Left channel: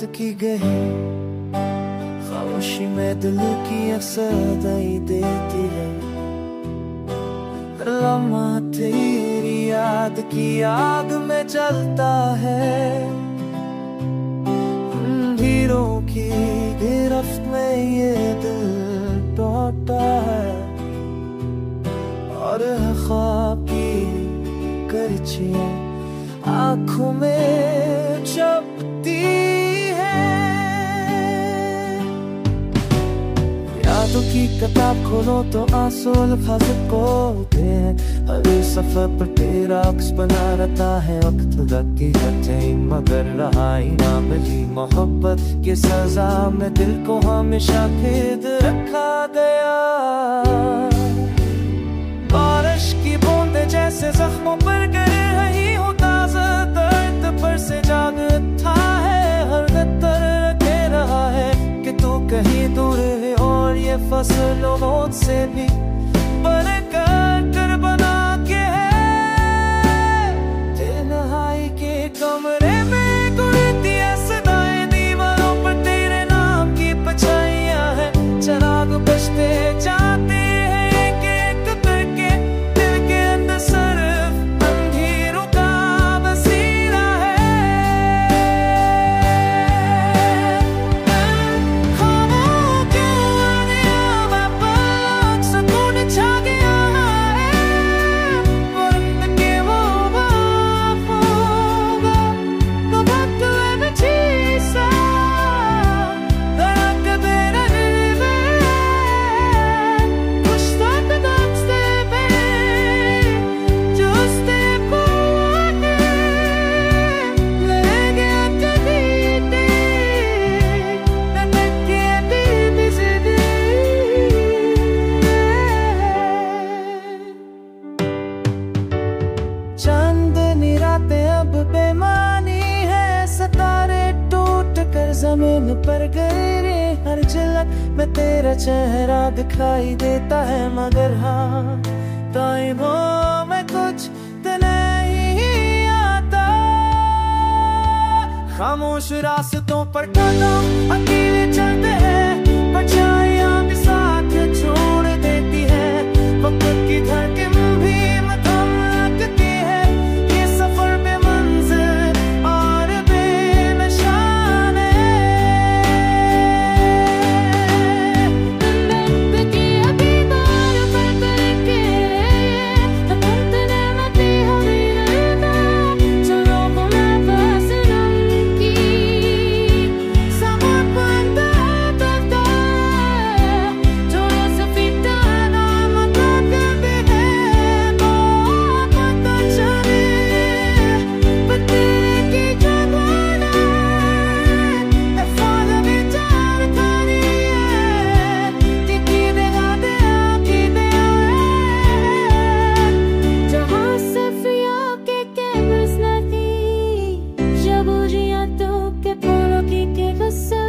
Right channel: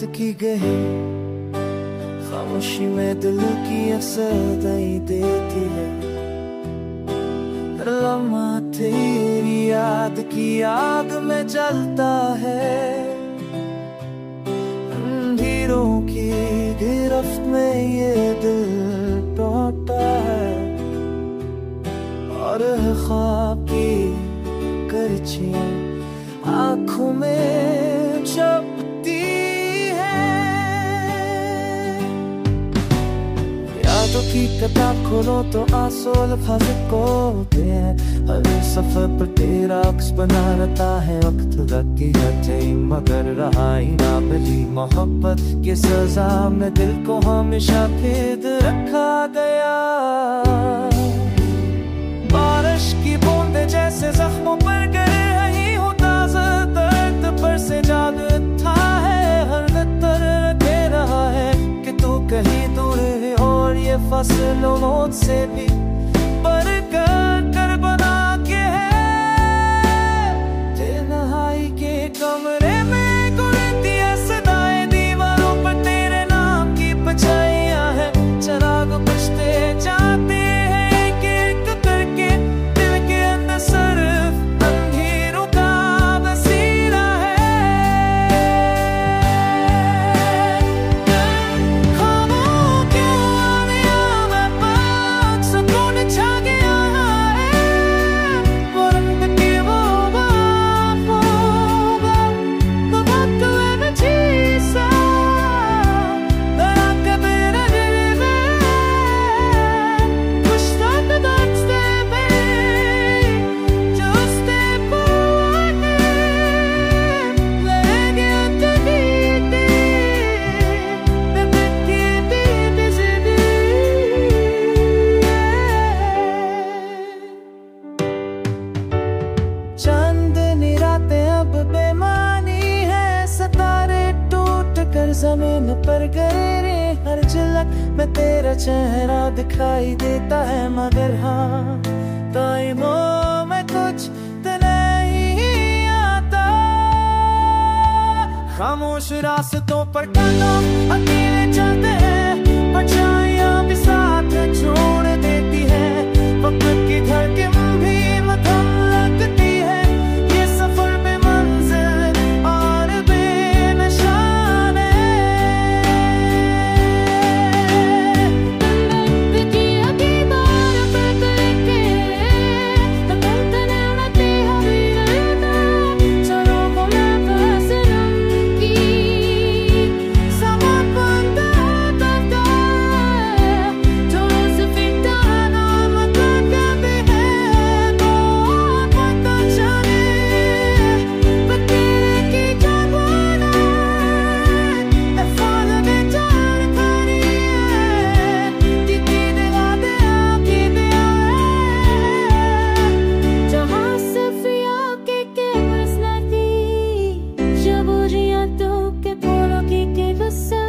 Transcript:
बात की गई खामोशी में दिल की असर दई देती है। लम्हा तेरी याद की आग में जलता है। अंधेरों की गिरफ्त में ये दिल टूटा है और ख्वाब की करचियां आँखों में चुभती है। यादों की किताब खोलो तो आंसू अल्फाज होते हैं। हर सफर पर तेरा अक्स बना रहता है। वक्त लगती है मगर रहा ही ना मिली मोहब्बत के सजा में दिल को हमेशा कैद रखा गया। बारिश की बूंदें जैसे जख्मों पर गिर रही हो, ताज़ा दर्द पर से जाग उठा है। हर दर रखे रहा है कि तू कहीं दूर है और ये फसलों से भी कर बना के है। तन्हाई के कमरे में गुड़ती है सदाएं, दीवारों पर तेरे नाम की परछाइयां हैं। चिराग बुझते जाते हैं एक एक करके, दिल के अंदर सिर्फ अंधेरों का बसेरा है। खामोश क्यों आनिया मैं पाक सुकून छा गया है। वरन के वो बाप होगा तो वक्त में चीसा दया के बेरा दिल में कुछ तक दस्ते पे जो step away लेके आते बीते न तके बिजली। चांदनी रातें अब बेमानी है, सितारे टूट कर जमीन पर गिरे। हर झलक में तेरा चेहरा दिखाई देता है, मगर हाँ टाइमों में कुछ तो नहीं आता। खामोश रास्तों पर कदम अकेले चलते हैं, परछाइयां भी साथ छोड़ देती है। वक्त की धड़कन भी मथम लगती है। ये सफर बेमंजिल और बेनिशान है। Jaburiya tu ke polo ki ke gussa